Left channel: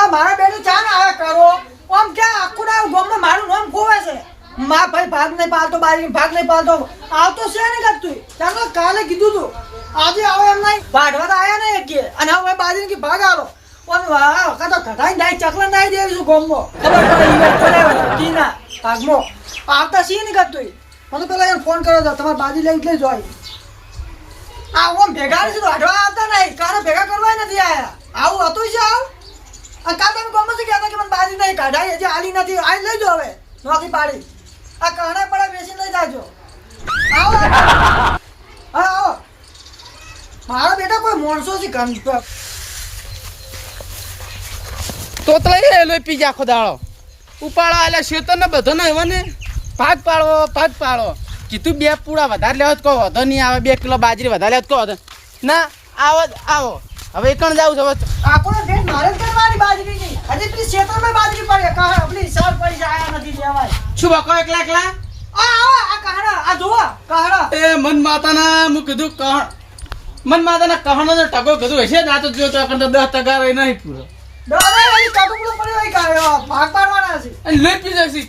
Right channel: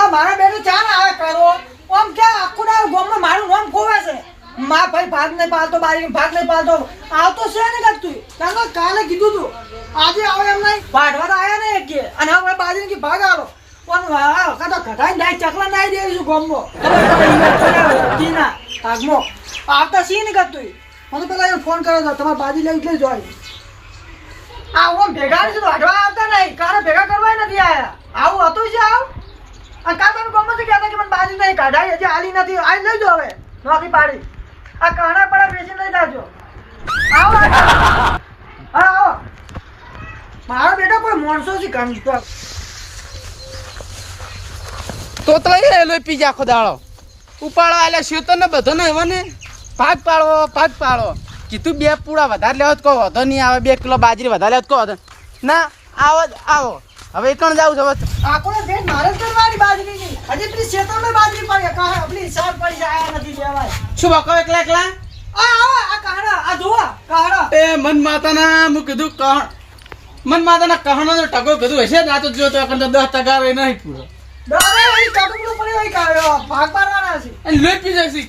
આ મારા બેટો ચા ને આયા કરો આમ ક્યાં આખું ના ગામમાં મારું નામ ખોવે છે. મા ભાઈ ભાગ નહીં પાલતો બારી ભાગ નહીં પાલતો આવતો છે ને કરતું ચાલો કાલે કીધું તું. આજે આવે એમ નહીં. ભાડવા તો આવ્યા નહીં કે. અને હવે બાજરી કે ભાગ આવો. પણ વાહ કાતો કઢાઈ નાઈ ચકલા નાઈ દેવી છું ગામમાં. કીના ભાગમાં? આવતા સી નહીં કરતું મને પેલા ફોન કર્યો હતો તમારે બાજી લઈ લઈ જોઈ આ ઓમ ભેગા નથી, વાઢવા આવતા નહીં. કાલે ભેગા કરવા નથી આયા. આવું હતું છે આવ? આ કાલ તમે ગમે કહેતા કે મને બાજી નહીં કાઢાય, હજી આલી નથી આલી લઈ જો હવે, નોખી પાડી. આ કાણા પડા બેસી લઈ જાજો. આવો હા, આવો. મારા બેટા કોઈ માણસો છે ગમ તો. તો એ લોહી પી જા ખોદાળો ઉપાડો આલે શેતર ને બધો ને એવા ને? પાક પાડો પાક પાડો. કીધું બે પૂળા વધારે લેવો તો કહો, વધો નહીં આવે, બે કિલો બાજરી વધારે લેવો તો કહો. ના, આવો આવો. હવે એકણ જાવું છે? હવે દેશ મારે કરવાની બાજરીની હજી પેલી ખેતરમાં બાજરી પડી. કાહ આપણી સાર પડી છે આયા નથી લેવાય. શું બકો એકલા એકલા? આ આ આ કહરા આ જો કહરા એ મન માતાના હું કીધું કહણ મન માતાના કહણો ને ટકો કીધું હશે ના આ તો જો તો એકણ તો દસ ટકા રહી નહીં પૂરો. ડરે એ કાટુકડો પડ્યો હોય કાહડા ભાગ પાડવાના છે. અને લોહી પી જશે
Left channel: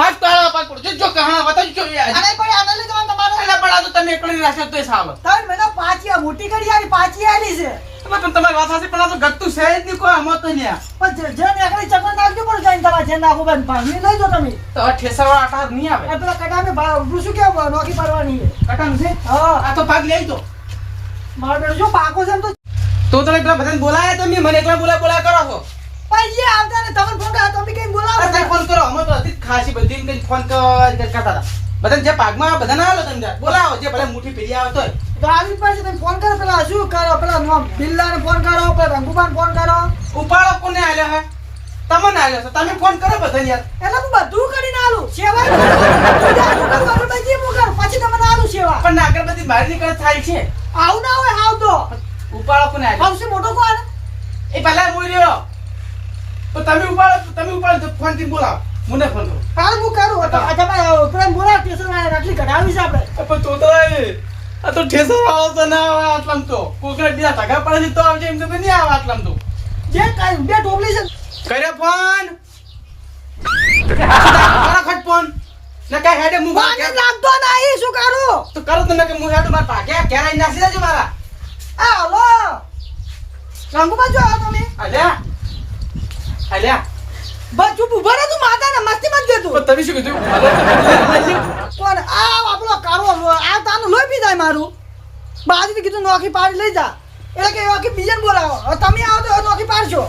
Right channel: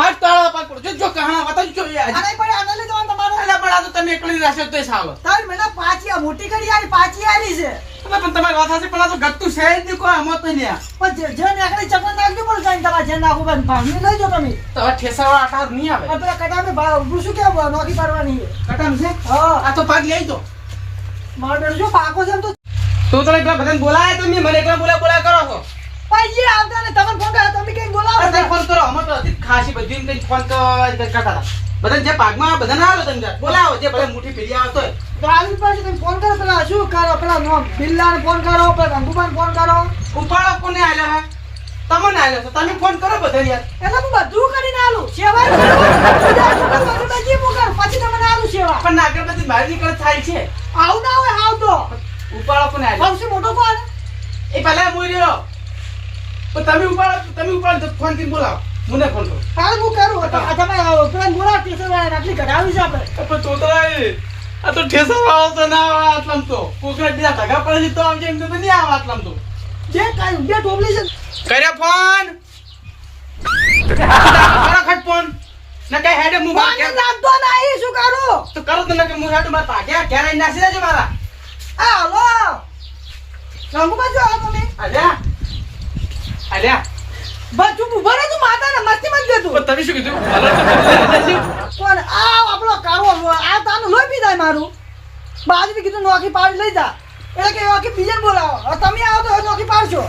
ભાગ તાળા પાક પાડો જો જો કહણા બતાવ જો યાર આને પડે આને લઈ જવાનું તમારે. એટલે પણ આ તો તમે એકલી રાખશો તો સાવ તાર મહિના પાછી આ મોટી કરી આની પાછી આલી છે. પણ તમારી વાત સાચી પણ આ તો ગત્તું છે જ નહીં કોઈ આમાં તો આ. પણ જે જે નીકળી ચકન નાખજો પણ કઈ તમારે જે નાખું બંધ લઈ જો તમે. તો આટા નહીં આવે? પેલા કટામે ભાવ શું કેવું નોખી પાડવાની છે. કટામ છે? હા. આ તો ભાગ લઈ દો મારો જો પાકો છે એમ તો તો તમે એકલા બધાને બોલાયા તો મને એકલા બોલા બોલા કરો છો. પૈસે આવતા ને તમે ફોન કર્યા તમે કઈ બોલાવો ફોન કરો અમે તો હતી ખાસી બધી ફોન તો કરતા હતા. બધાને જે પાકમાં આવે બધાને આવો તમે બોલાવો જે ભલે મુઠ્ઠી ફેરી આવતો આવી પાસે તમે ફોન કરો પેલા શું કરો પેલા નો બિલ્લાને ફોન કરો પેલા ગંગુબાને ફોન કરો ઉપાડો કોને આલ્યો હે તમને આલ્યો તમે ફોન કરો બધા યાર એટલે હું બધું કરીને આલું સેવા પછી હું પછી તમને આલું સેવા પણ નાગર બધી બહાર નીકળ થાય છે આવું ના હોય આવ તો ઉપાડો કોને આલ્યો આવશે મોટો કોણ એ પહેલા હું રહ્યો તો તમે ઉપાડો તમે ઉપાડો ફોન કરીને બોલાવો મને ફોન કરો. હાલ હું કરું તો આ તમે પેલા બોલા સ્ટેશન આટલી કઢાવી છે આપણે. પણ તો તો આ તો ઠેસર આવો તો ના આવે આટલામ તો. કોકરે બીજા ઢગા પડે તો આવજે એમ તો નહીં આવે આટલામ તો. જે કાઈ બે ઢોબલી છે. કર્યો ફોન? ખટ ફોન? ને કઈ હેડે મુ જ લાગતો નહીં શું કરું? તો કરો તો કે મુ હેડે માર પાગ્યા ઘેર નાસી દેજો મારા. આ હાલો. રંગુબા બાજુ આવો તમે. અલ્યા અલ્યા બસ ચૂપ ઊભા રહો માતાને મસ્તી મત દેતું પણ તમે શું કીધું? પણ આ આપણો કારો આ તાનું લોહી પી જાય મારું. બાજુ કીધું નોખી પાડી લઈ જા. એટલે કે નોખી બીજે બોલાવો. હવે તમે આવો તો નોખી પાડશો.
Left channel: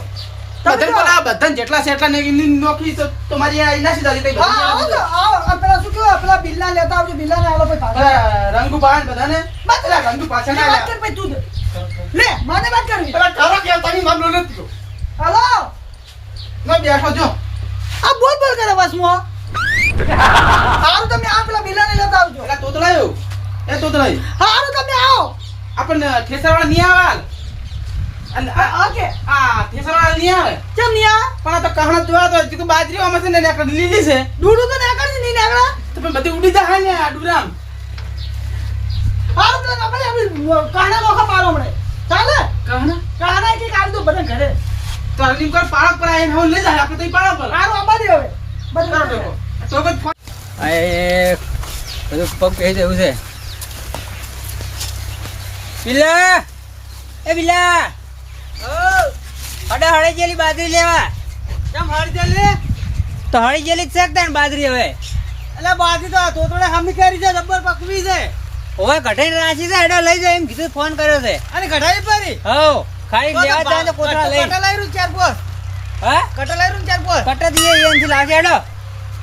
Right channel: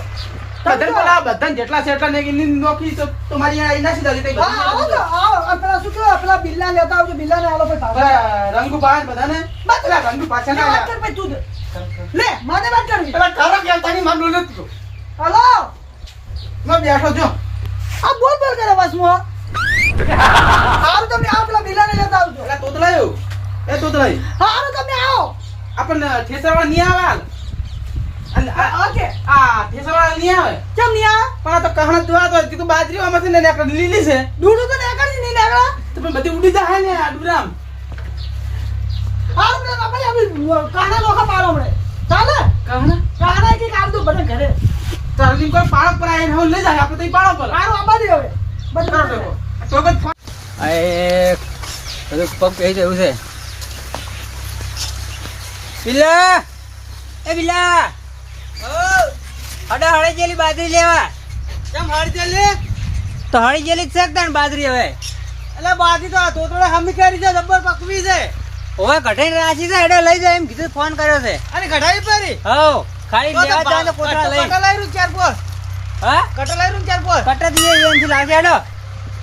બધાને જો. જેટલા ને તો તમારી દેજો કઈ હા આવો તો આવો. પેલા શું કહેવાય? પેલા બિલ્લા લેતા આવજો. પાછા રંગુ પાન બધાને? બસ. રંગુ પાછા ના વાત કર ભાઈ તું. લે મને વાત કરવી. પેલા કરો કે તારી નથી હલો? મેં બેઠો છો આ બોલ બોલ કરે બસ મો હારું તમે આ પેલા બિલ્લાને લેતા આવજો પેલા તોતલાયો. એ તોતલાઈ હારું તમે આવો. આપણને ઠેસરવાળા નહીં આવે? ઓકે. આ ઠેસરવાળા નહીં આવે? કેમ નહીં આવે? પણ આ તો કહણા જોવા તો કીધું બાજરી આમાં છે ને આકડી લીલી છે. દૂડું તો નીકળશે નહીં નીકળે. તો પણ બધી ઉડી જાય ને આ ડુરામ. હારું પેલા આપણે આપણે કાના નોખા પાડો હમણે ચાલે? કહણા? કાના કે કામ તો બધા ઘરે. તો કર પાળક પર આવીને હવે લઈ જાય આપણે તઈ પાળક પર. હારું આંબા દે હવે. બધું તો એ બધું પગ કહી જવું છે. બિલા એ બિલા હડે હળે જેલી બાજરી લેવા. કેમ હારી જેલી તો હળી જેલી છે કે બાજરી હવે? એટલે બાજરી તો તોતડે હમી કરી છે જબ્બર પકવી છે. હવે ઘટાઈને રાશી છે હેડો લઈ જાય એમ કીધું ફોન કર્યો છે. અને ઘટાઈ પરી હવ. ખાલી લેવા જાય તો કોથળા લઈ. કટલાઈ ચાર પોસ. હા? કટલાઈ ચાર પોસ. કટા દીએ એમથી લાગે હેડો.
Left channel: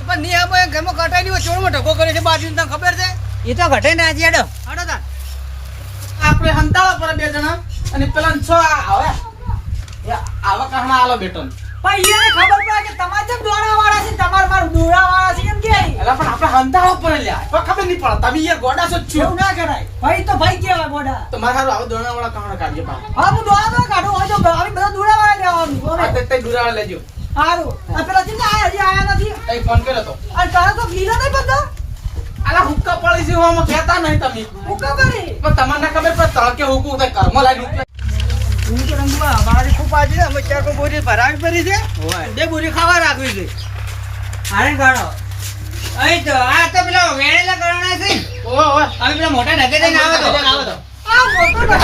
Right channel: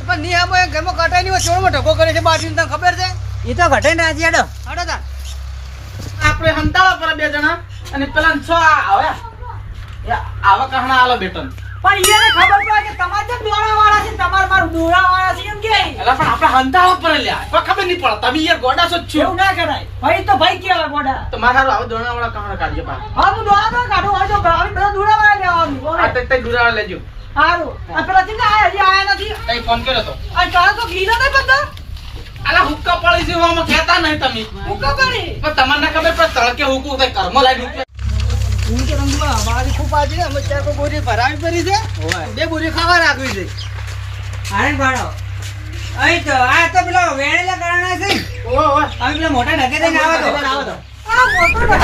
પણ ની આમાં ઘરમાં કટાઈ ની ચોળમાં ઢગો કરે છે બાજી તને ખબર છે? એ તો આપણે હંતાવા પર બે જણા અને પેલા છ આવે. આવા કહણા આલો બેટન. પણ ખબર પડે કે તમારે જેમ દોડા છે તમારે મારું દોડા છે એમ કે. એટલે પણ આપણે હંતાવા પર લ્યા. કોઈ ખબર નહીં પડે. તમે યાર ગોડા છો છો. એવું ના કરાય. ભાઈ તો ભાઈ કેવાય મોઢા તો મારા હારું આવા દોણા વાળા કાઢજો પા હા હું દોડા કાઢું. હોય તો આવી બધા દોડા લેવાનું બોલે. તે તે દુરાવા લેજો. હારું. આ પેલા આયા હજી આયા નથી. તઈ ફોન કર્યો તો. આ તારે તો નહીં બધા? આલા હુક્કા પડી છે નહીં તમે. હુક્કા કરી પણ તમને ખબર પડે તળકે હુકું કર્મ લાઈન હું અમારી ખૂબ આજે છે અમે ચાર બોરી ભરાવી પડી છે. બે બોરી ખાવા રાખવી છે. આને ગાળો. અહીં તો આ તો પેલા વેણેલા કરવાના છે. ઓ. અમે પેલા મોટા ઢગે થઈને આવો તો. આવો તો. આ મોટો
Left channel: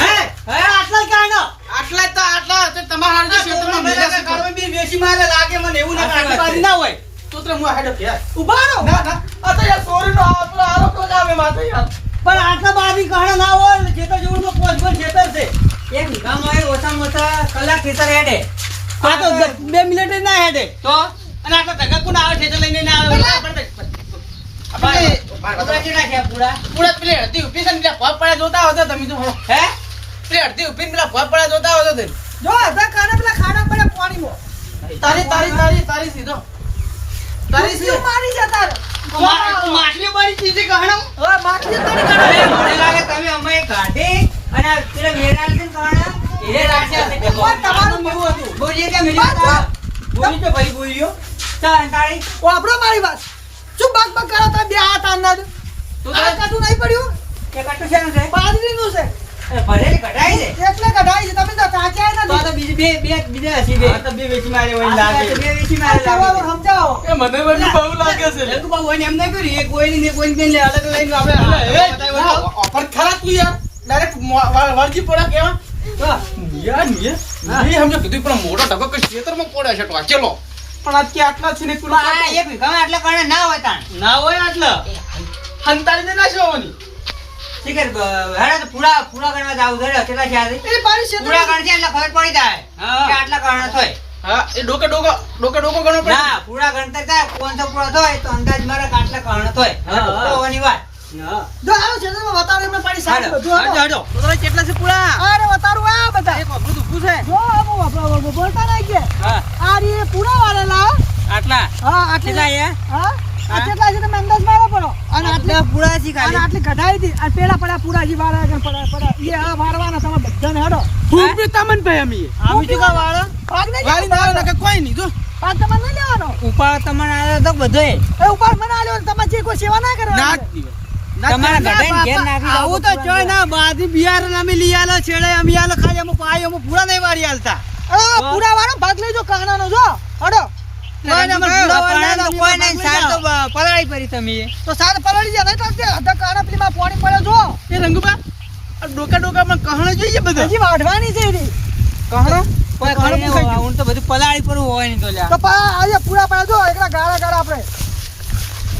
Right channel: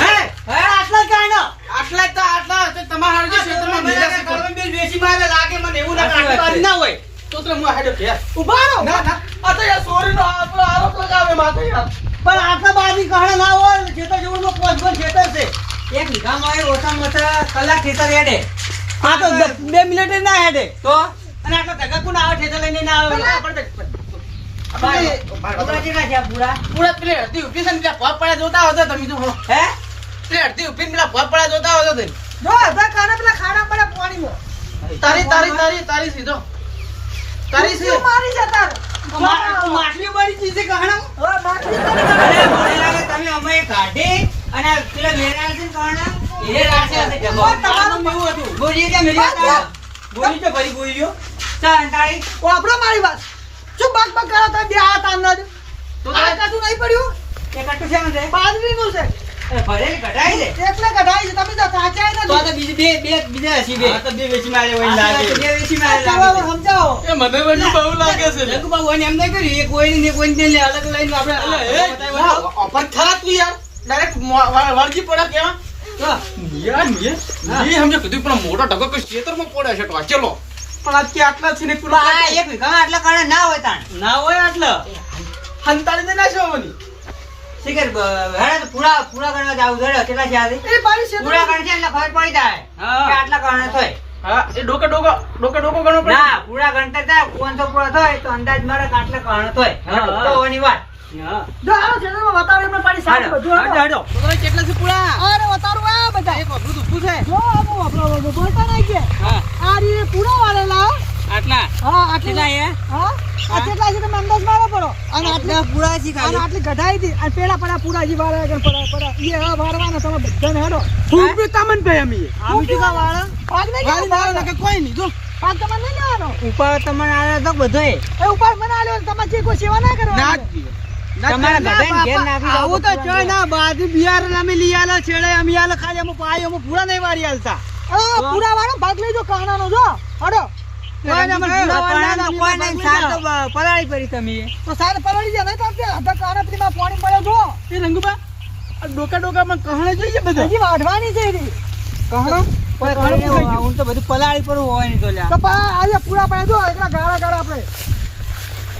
હે હે આટલા કાંડો આટલા જ તો આટલા તો તમારા હારું જે ક્ષેત્રમાં મેલા છે. કરો. બી વેચી મારે લાગે મને એવું ના ના હોય. તો તો હું આ હેડો ઊભા રહો. ના, બે- બે મિનિટ ના હેડે. તો? અને આટલા ધગા કોણ આવે ખેતર લઈને ના આવે? આપણે- છે આ પૂરા. પૂરા પેલી અડધી ઊભી છે ને પેલા ભોગ પડ્યા જોતા હોતો તમે તો. હે? પેલી અડધી ઊભી પેલા ભોગ પડ્યા જોતા હોતો તમે. જો અધા કાને પેલા ખાડા પડે પાણીમાં. તારી તારી તારી તારી સીધો. તારી સીધો. મારી જતા રહે. માછલી બળી ચીજે. મને લાગે તમે અમે કાઢી અને પેલો પેલા વેરાળ કોણ? એ રાખ્યા છે ડબ્બો. તમારું એવું હતું. બોલીએ કે મેરી વાત બોલી તો ભરી બોલ્યો ચાલ અંતાળી વાપરો મારી વાત. શું બાગ બાગ કરો તમે? બે હાથ અંદર તું આ તો નહીં પડ્યું? એક આટલું શેનું છે? બાજરીનું છે. એ ભરેલી કઢાઈ છે. એટલે કઢાઈ છે. તમે તો નથી બીજી બે બે બીજા હસી બે. તો બે વેચી મારે હોય લાગે. બે વેચી મારે લાગે. સમજાવો. એ મને બધું બહુ લાગે છે. બાબુ એને એમ નહીં કર્યું. એ કોઈની ને કોઈની ને અલગ લઈને આપણે એ. ઓફર ખરા તું યાર. ડાયરેક્ટ વળગી પડ્યા કેવા? તો યાર ને મેં સમજો કીધું પણ મોટો ઢગો કે ખેતરમાં પડ્યો છે ટોચેલો પણ આ આટલા છે ને પેલો પણ એક વીઘામાં આટલા કાણા ના હોય તાણ. ના હોય આટલા. હંતાડીને ના જોવાની. શીખર હેડે પૂરા પૂરા ગણવા જાવ છે કેટલા છે આજે? એ પાણી છે પૂરા ગણ એટલે ખબર પડી જાય હા. આટલા કાણા થાય હા એ ડોકે ડોકો ડોકે ડોકો ગણો પડે. ના પૂરા ગણતર થાય પાંચસો પૂરા થાય તો અંદાજ મારે આટલા કાણા થાય હા, હા. તો વાત. એમને બધું. તો કેટલા છે પૂરા? અરે બતાવું આ બધા. એક અબરું ઊભું છે જો આમ વાપરો વાપરો બોલતા નહીં કે. હા. આ રી પૂરા વાળેલા આટલા? હા આટલી. એ? હા? આ કેટલા છે તમે અંદાજ મારો પડો? અને આટલા પૂરા છે ખાલી. આટલી કઢાઈ હતી અને પેલા પડ્યા પૂરા જી વાળા આગળ પડ્યા પડ્યા એ આ વારવાના તમે બધાને હેડો. ખૂબ બી તમને ભાઈ અમે. નહીં કોઈ નહીં જો. પાક તમારે નહીં લેવાનો. ઉપાડ તમને આયો તો બધોય. એ ઉપર મને આલ્યો તમે તમારે જે કોઈ સેવા ના ના કરવાની તમારા ના, ઘેર નાખી આવું તો ચો ના બાદી બિયારણ અમે લઈ આલો છેડે અમે આલો ખાલી અમે પાઈ અમે પૂરા નહીં વારી આલતા. અરે પૂરા વાળો ભાગ લેજો કાનાનો જો. હડો. કોઈ ના, મને પૂરા વાળા ના, કોઈ નહીં ભાગ લઈ સાર તો જાઓ. બ- પલાળી કરી તમે. તો સાત પલળી જાય તો તે અડધા પેલી માં પાણી પડે જો. એ રંગુબા આ ડોકા કહણા જોઈએ બધા? હજી વાઢવાની છે એની. કહણો? કોઈ પૂછાઈ ગયું. તો બધું પલાળી પર હોય ને તો લ્યા. તો આજે પૂરા પડે જો એકલા ગાળા ગાળા આપણે.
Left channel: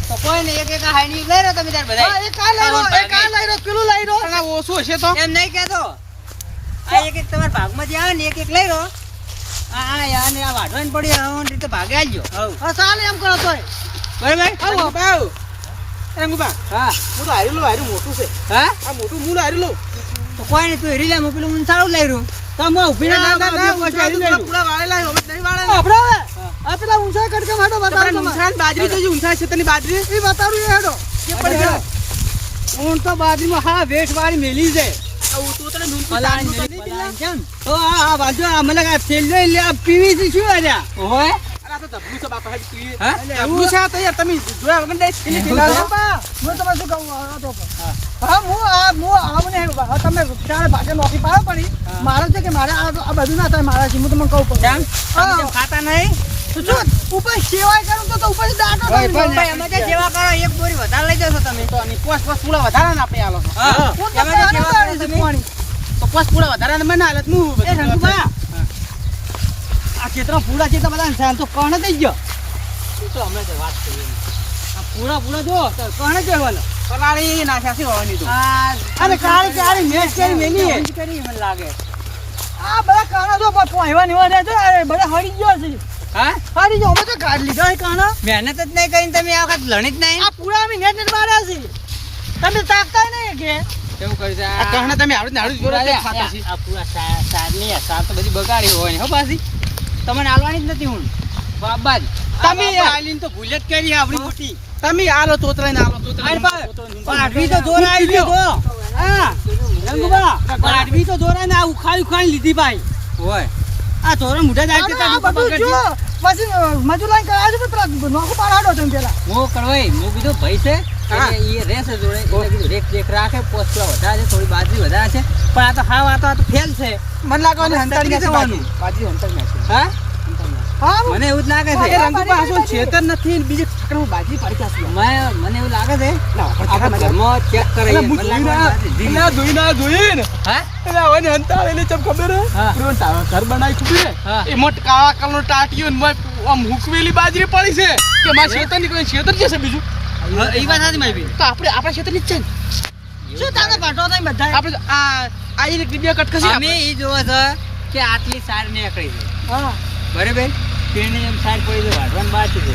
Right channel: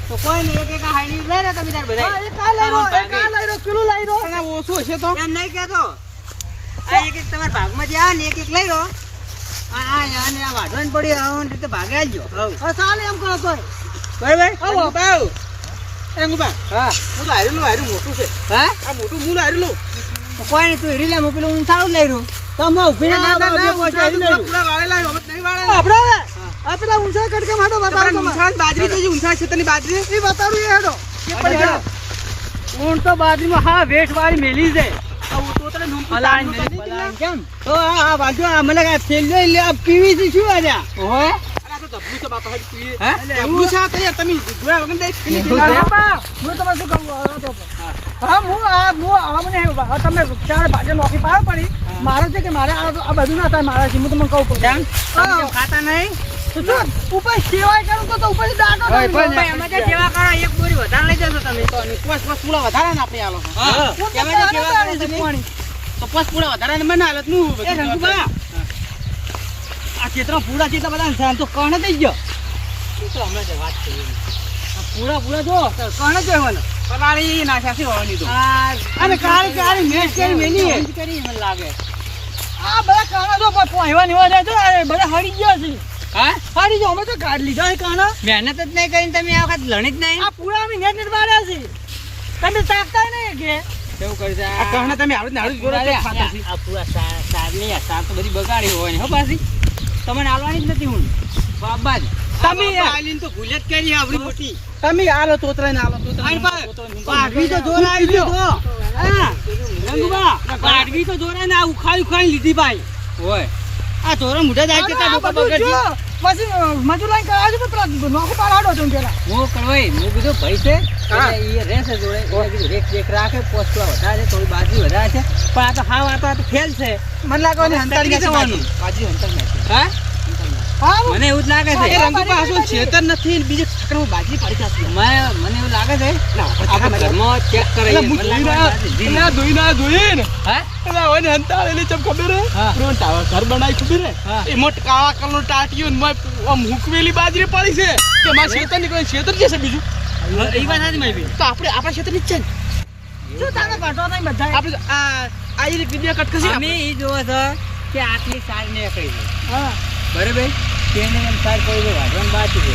તો નહીં એક એક હાઈની લઈ રહ્યો તમે તાર બધા હા, એક આ લઈ લો એક આ લઈ લો પેલું લઈ લો અને ઓછું હશે તો? એમ નહીં કહેતો. આ એક એક તમારા ભાગમાંથી આવે ને એક એક લઈ લો આ આ યા ને આ વાઢવાની પડી આવો રીતે ભાગે આવજો હા. ચાલે એમ કરો તોય. કોઈ નહીં આવો. બાવ રંગુબા હા. હું તો હારેલું હાર્યું મોટું છે. હા? આ મોટું મૂળ હારેલું. કોઈ નહીં તું હેરી લે પેલું ઊંચાળું લઈ રહ્યું. તો અમે ઊભી ના, ના, ના, ઊંચાળું લઈ રહ્યું. પૂરા વાળેલા નહીં વાળે આપણે હવે આ પેલા ઊંચા કટકે માટો બતાવું તમારે ઊંઘાણ જે જોજો છે તને બાજરી એ બતાવું એ હેડો. કે પડી છે ઊંટ તો બાજરીમાં હા વેઠ વાળી મેલી તો? તો? તો છે? તું તો પાડો પડી મારો છે કે મારે આ બધું ના થાય મારા હું તમને હા. ખાતા નહીં? તો શું ઉપર સેવાય કરું તો ઉપર ઉપરથી તમે જે સેવા કરો, એક બોરી વધારે લઈ જશો તમે. તો પાંચ પાંચ પૂળા વધારે ના આપણે આલો હું. તો સેવા આવે કરો છે તમે. પાણી. તો પાંચ પૂળા વધારે ને મને હાલતનું એ રંગુબા, આ પૂરા છે એટલા બધા ને તો કહણ થઈ ગયો. તું તો હમણાં જ વાત કરી પૂરા જો તો કહણ જ કહેવાનો. પલાળી નાખ્યા છે હોવાની તો આ અને કાળી કાળી મેચ કરી મેલી કરી મને લાગે. આ બધા કાણા જો પણ પોહવાની હોય બધા હરી ગયો છે. હા? ફરી ગયો અમે તો કાઢ લીધા કાણા. મહેનત જ નહીં કરીને તમે આ વખત લણી જ નહીં? આ પૂરા નેટ નેટ માર્યા છે. તમે તાકતા નહીં કે. એવું કરી છે? આ તમે આવડે જ છે આ પૂરા તો બધી બગાડી હોય હો પાછી. તમને આલવાની જ નથી હું બાબા જ તમે. આલીને તો ભૂલ જ કરી આપણી મોટી. તમે આલો તોતરાય ને આલો તો જોરાઈ ગયો તો હા. રંગુબા પાડવી તો જોરાઈ ને આ ઉખાડી ઉખાડી લીધી ભાઈ. હોય. આ થોડા મુઢા જાય કે તારું બધું જો પછી મજૂર લાઈન કરાવે છે પણ પેલા નોખું પાડાડો તમે પેલા. હું કરવાય હું કીધું ભાઈ છે એટલે ઈ રહેશે જોડે એટલે કીધું રેખ ચેક રાખે પોસ્ટ થોડા વધારે છે થોડી બાજરી વધારે છે પણ આ તો હાવ આ તો આ તો ફેલ છે. મને લાગે હંતર તકલીફ જવાનું. બાજી હંતાડી નાખી. હા? હા? મને એવું જ લાગે છે. રંગુ પાછો છેતર નથી ને બીજે ઠકરમાં બાજી પડી જશે મેં- મને એવું લાગે છે આપણે ઘરમાં ચેક બાજરી. એટલે એટલે ચમ ખબર હે? ઘર બનાવી? એમાં કાળા ને આમ હુકવેલી બાજરી પડી છે. કે મારા શેતર નીકળે શેતર જશે બીજું? એ વાત સાચી મારી. તો આપણે આપણા શેતરની છે ને. શું તારે ઘટો નહીં બધા? આપણે આ આ અમે ઈ જોવો છે કે આટલી સાર નીકળી છે. હા. બરાબર? તેને એમ સાર પડી છે વાઢવાની બાકી છે.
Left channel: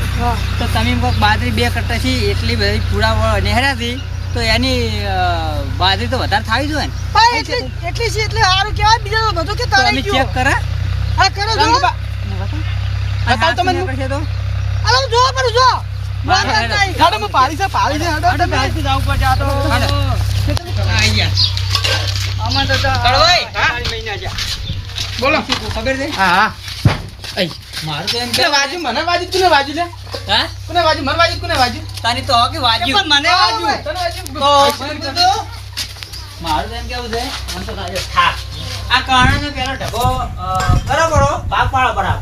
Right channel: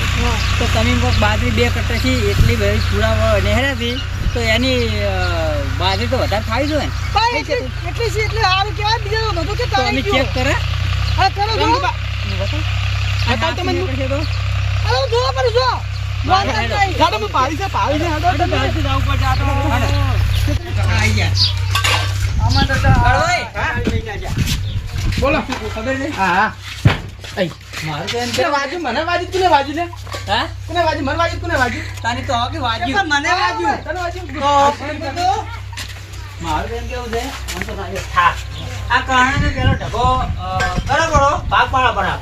તો તમે એમ બાજરી બે કરતા છે એટલી બધી પૂડા નેહરાથી તો એની બાજરી તો વધારે થાવી જોઈએ ને. એટલી એટલી છે એટલે સારું કહેવાય. બીજા તો બધું કે તમે ચેક કરે. હા કરો જો. બતાવ તમે તો. અરે જો. જો બહાર વાંધો હેડો. નહીં. ગાડો માં પાડી છે પાડી છે હાડો. તમે. હાલો. આઈ ગયા. આમાં તો જા. બોલો. ખબર છે? હા હા. મારું તો એમ તે વાજુ મને વાજુ કોને વાજુ લે? હા? કોને વાજુ? મને વાજુ કોને વાજુ? તાની તો મને વાજુ. તો મારું એમ કેવું છે? મને તો આ કારણે પેલો ઢગો કરો કરો ભાગ પાડો બરાબર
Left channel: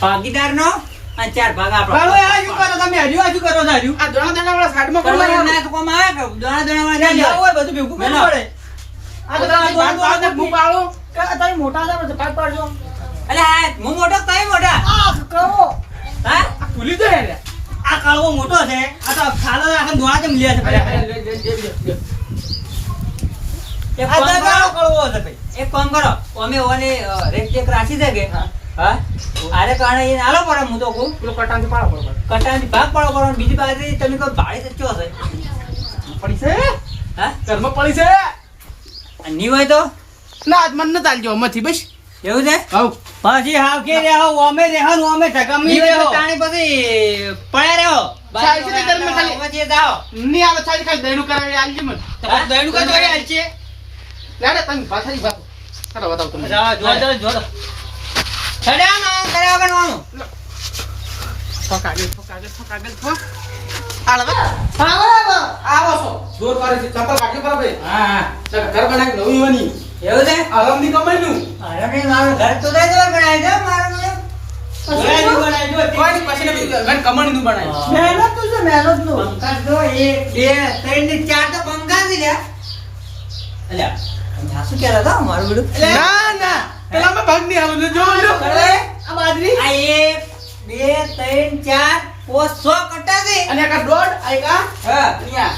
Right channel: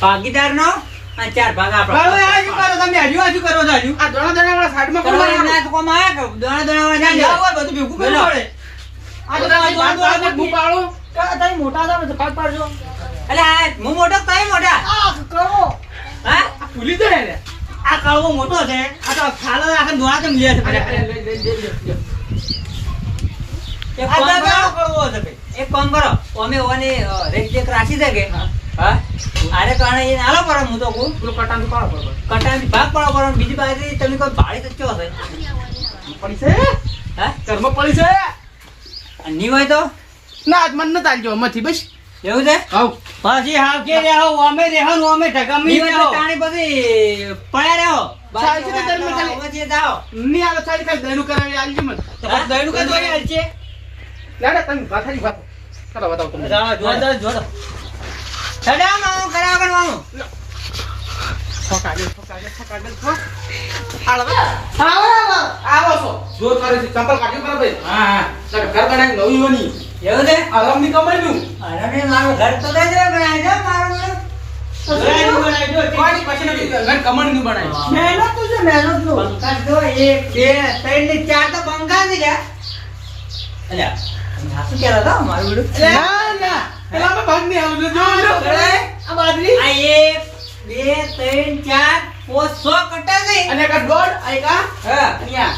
ભાગીદારનો અને ચાર ભાગ આપણો તમે હજુ હજુ કરો હજુ આ દોણા દોણા વાળા સાઈડમાં કરો કરવા તો કોમ આવે કે દોણા દોણા વાળા જાય. હોય બધું ભેગું કરવું પડે આ તો તમે બાર બાર ભૂ પાડો કા- મોટા હતા ભાગ પાડજો એટલે આ હું મોટો કઈ મોટા? આ કરો હા? ભૂલી જાય રે આ કળવો મોટો છે. આ તો ખાલો આખા દોડા તેમ લે છે એક કામ કરો. કળવો છે ભાઈ. એક કામ કરો. અમે ઓને રેક ચેક રાખી દે કે? હા. આરે કારણે એ નાલો પડે હું તો કહું. પેલો કટાંથી પાડો પડે કટાની ભાગ પાડો પડો બીજી બાજુ તમે કોઈ ભાડે કચ્યો હશે? પડી છે? હા? ઘરમાં પડી છે? હોય તો? ના આજ મન ન ચાલજો મથી બસ. એવું છે? પછી હાવ કે રેહો અમે રેહો અમે ઢગમી નહીં હોય રેહો તો તાણી પછી પડ્યા રહો. ચાલશે ને ઘરમાં ખાલી. હવે જે ની આવે ખાલી ખાલી દહીનું કરાવી આલજો મને. તો પછી દહીંનું જોઈ આલ યાર તમે પાછાની વાત ચાલો બતાવો તમને. જા, જો જો જો ચડાવવાનું કર્યા કરવાનું ઠોક આગળ ઠોક આગળ ઠોક આગળ ઠોક હાલ હવે આવો આવો. આવો જોર કરે છે ચંપલ કાઢી પર ભાઈ હા. હા ઘર બનાવી નવી બની. એવું છે? આરામની કમાઈનું અરે નહીં, મારું ઘર તો કઈ જવા બનાવી દે મારું નું બે ત્રણ ચાર ના ના. પાંચ સો કટ્ટા છે. અને દોઢ આ? હા અહીંયા.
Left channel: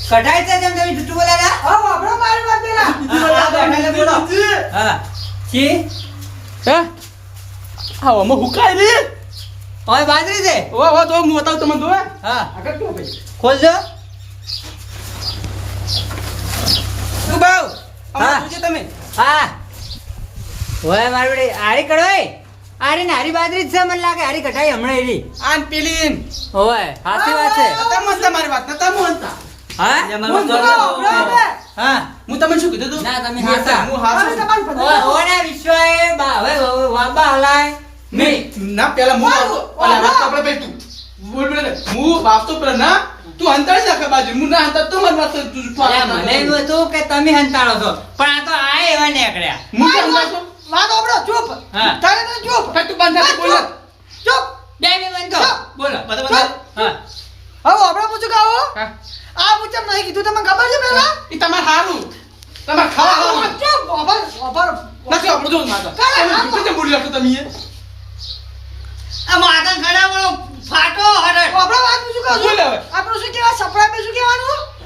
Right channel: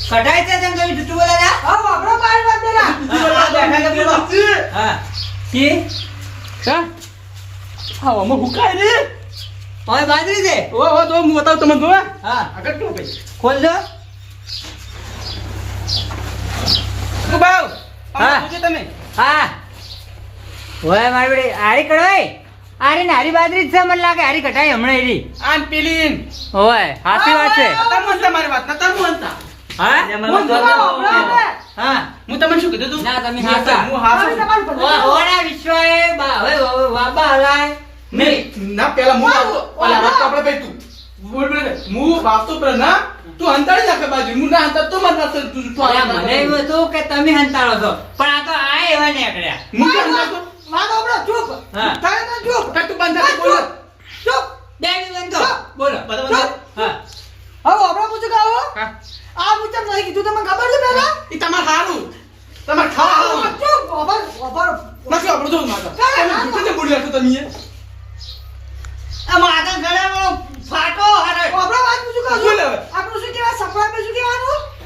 કઢાઈ છે તેમ તમે આપણે મારી વાત હા, બેઠા કે બોલો. હા છી હા હા અમે હુકાય રે હવે બાજરી છે ઓ ઓ તો હું બતાવું તમને જો હા આગળ તો ભાઈ ખોલજો તું બાવ હા. હા તમે હા મારી બેટી હારી કઢાઈ આરે ને હારી બાજરી છે મને લાગે હારી કઢાઈ હમણાં એરી આમ પેલી હોય સાચી વાત છે તમે મારી વાત ના તમે હા? હું જોવા આવો, આપણે આપણે. હા હું તમને શું કીધું તું? ના, તમે. હું ઓના વિશ્વએ બા- હવે વાબા હલાય. નહીં ના પેલા હું ઓલા વાત આપણે ભાઈ તું બોલ બોલ. હું બાપ તો પેલા ના તું અંતાડી નાખે બાજુ. હું ના અંતાડ તો મને વાત તું તું મને એવું હતું કે તમે હંતાડો છો. પણ આ તો આ એવા નીકળ્યા. હું કેમ વાત આપણો ચૂપ. તારે તો ચૂપ. કે તું બંધ હા, નથી બોલ. ચૂપ. ચૂપ. બે બંધ કરો. બોલો બધા હા. હવે આપણે પૂછું કે આવો? હા. આ હું કેમ નહીં કીધું. તમને ખબર છે પેલા? એ તમાર હારું. તમાર ખાવા હારું. ચૂપ ખબર ખબર નથી આપણું જો માતા કાલે. જૂઠું તમે. આ વાળો ફાટો હરે. આપણે વાત પૂછું કે બોલ હવે. આપણું શું કહેવાય? સપડા પે શું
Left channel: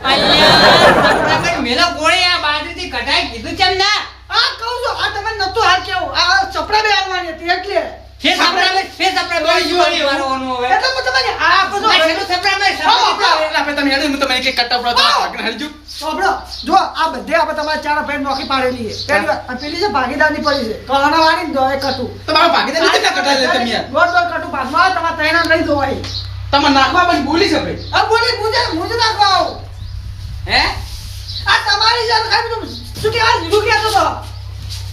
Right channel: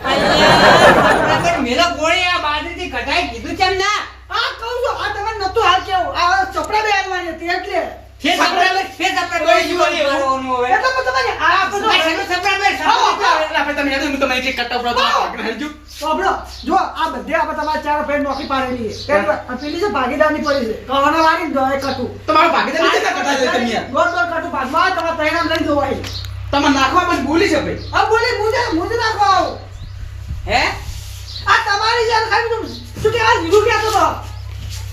અહીંયા મેલો ગોળી આ બાજુથી કઢાઈ કીધું કેમ ના. આ કહું છું. આ તમે નતું હાલ કેવું. આ ચપડા બે આવવાની હતી એટલે. સપડા સપડા તો ઈ વળી એવું. મારવાનું હવે. એટલે તમને આ છો સપડા સપડા હોય, હું તમને એક કટ્ટા તો આવો. ભાગને હાલી સાંભળો જો આ બધે આપણે તમારા ચાર ભાઈ નોખી પાડેલી છે. પહેલી અને પેલી છે ભાગીદારની પડી છે કહાના વાળી દોય કટુ. તમારા ભાગીદાર કેટલા કટ્ટા છે તમે? દોઢ દોઢ કટુ ભાગમાં તમારા તૈણામ નહીં ધોવાય તમે નાખવા પછી ભૂલી છે ભાઈ. આ બોલી મુજે મુજે નાખવા આવો. હે? આ તમારી જાન ખાઈ તું શું કે આ લીધું કે તો?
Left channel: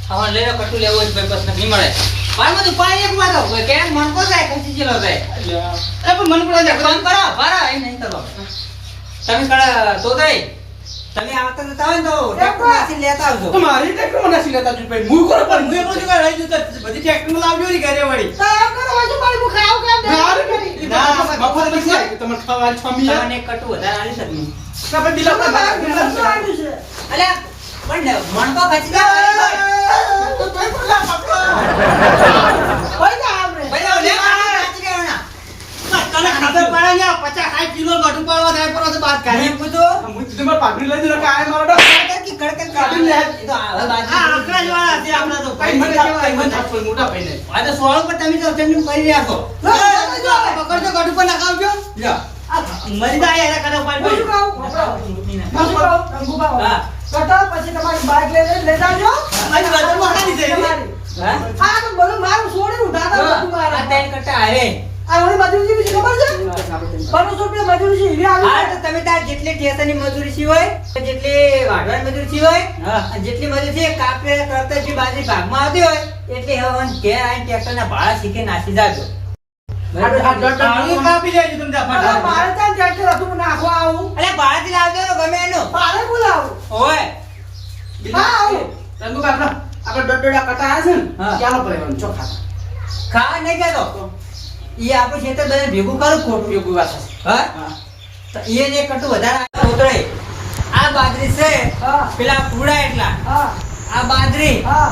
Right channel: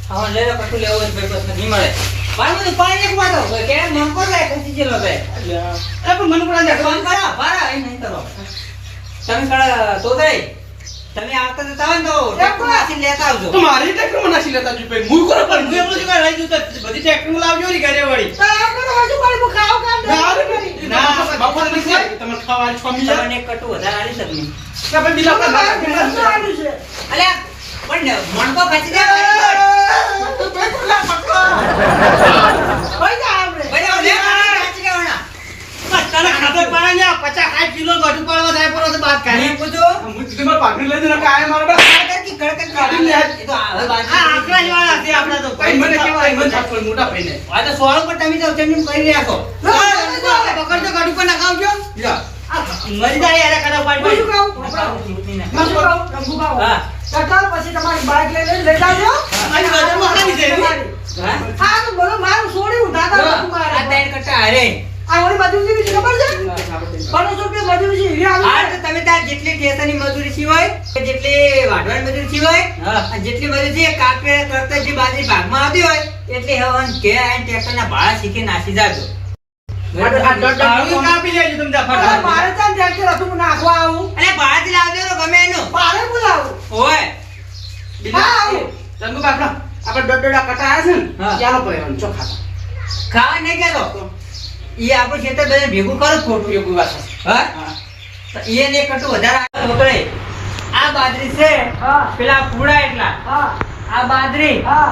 હવે લેલો કટુ લેવો જ ભાઈ બસ નહીં મળે. મારું બધું પાણી એક માં દો કે મન કો જાય? ખસી ગયેલો જાય. એ પણ મને પણ આજે ફોન કરો ભરા એ નહીં કરો. તમે કડા તો ગઈ તમે આવતા જતા હોય તો ટ્રેક્ટરમાંથી લેતા આવજો તો મારી ટ્રેક્ટરમાં નાસી લેતા છું ભાઈ હું કોને પણ હું એમ શું કઈ રહી જતો બધી ટ્રેક્ટર લાવજો ને ઘરે વળી તો એમ કરો હજુ મારી હું ખાવ કામ ના રે ભાઈ ના. બપોરે નથી આવી ખાવા આલી છ મિનિટ કટુ વધારે આલી શકની ના પણ દિલા પર ના મારે ઘરથી આવ્યું છે. અલ્યા પણ મણ તો ખસી જાય તો ભાઈ પકડો. ભાઈ લે ખસી જવાના તને ખબર પડે ને પચાસ સાઠ કિલો ગઢું પાડવા થાય પર તો બાદ કાઢી પૂછો હું કીધું મારે પાઘડી લઈ જઈને કાંઈ મારો બસ કડકડ કડકડ કાઢી લે. એ તો આવે બાજુ આ આંકડા જેવાના છે આપણા તો કઈ મને કેવાય મને છાપડ મોટા ભાઈને આ તો સોળ પર તમે તો તેમ કરી રાખો ના, ના, ના. પકડજો ગઢું પર નખાવજો મરી જાય યાર કડો પાડી શું કહું? હું શું કહું? રંગુ બાબા. હા. કટો, પછી તમારી બાઈક લઈને લઈ જાજો. મારી. હા તો બોલો, મારું છોડ્યું, દાદા બધું આ મારા. ત્રણ કટ્ટા હારે મજૂરી છે ખબર છે? પંદરસો રૂપિયા મજૂરી છે, હીરા હા તો તમે તાર જેટલી મજૂરી વાઢવાની મજૂરી સિવાય અને જેટલી મજૂરી છે કાપે કરતા જે બાજરી ભાગમાં આવતી હોય એટલી હવન ઘેર આવીને ટ્રેક્ટરના ભાડા શીખી નાસી જાજો. કાપી લેજો તમે અરે, મારે ત્યાં ટ્રેક્ટર હતું, હું નાખવા આવું. અલે ભાડાથી લાવજો ગમે એનું. મારે બોલાવું. આવું. રંગુ આપણે દોઢ દોઢ કટા આવ્યા છે ને ચાલો પડે ચોખા. ખાવા નહીં કહેતો એ આપણું ખેતર બધા ભેગું કરું ખોટું ભેગું વાત હા? તો એ ને કરતું વધારે છોકરે આ બાજરી છે હા, પેલા પૂડા એટલા. હા, આ બાજરી. હા,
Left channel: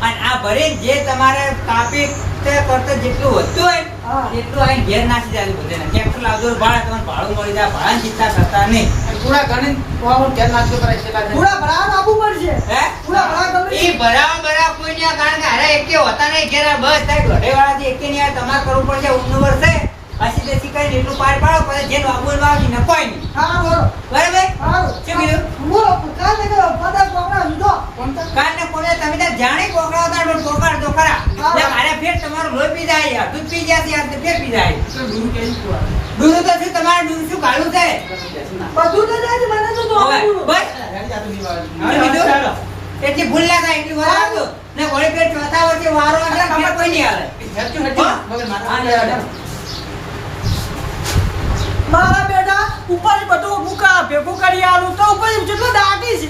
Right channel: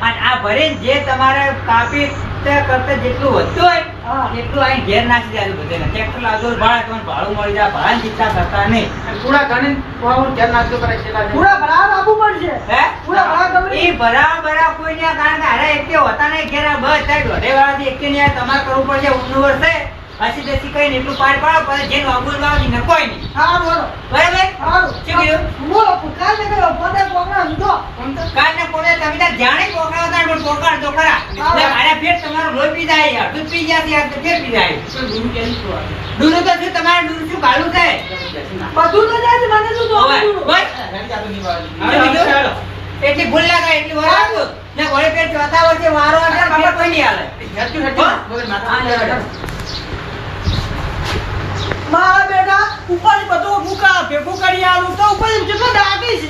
અને આ ભરીને જે તમારે કાપી તે કરતા જેટલું વધતું હોય હા. એટલું અહીં ઘેર નાખી જાય બધે ટ્રેક્ટર લાવજો ભાડા તમને ભાડું મળી જાય ભાડા ચિંતા કરતા નહીં. થોડા ઘણી થોડા ઘેર નાખજો કરે છે પૂરા ભરાવા આપવું પડશે. હે? પૂરા ભરાવા એ ભરાવા ભરાવા કોઈ નહીં કારણ કે અરે એકે હોતા નહીં ઘેર બસ થાય દોઢે વાળાથી એકે નહીં આવે તમારે કરવું પડશે ઊંડું વર્ષે પછી દેસી કઈ એટલું પાર પાડો પછી જેનું વાગવું વાવી ને કોઈ નહીં. હા, બોલો. બરાબર? સારું. શું કીધું? બોલો, કાલ ને કયો, કોને? તમે જાણે કોકડા હતા તો પોકળ તો ખરા. મારા બેટા ઉપર બધું મૂકા ભેગું કરી આલું તો ઉપર જેટલો દાટી છે.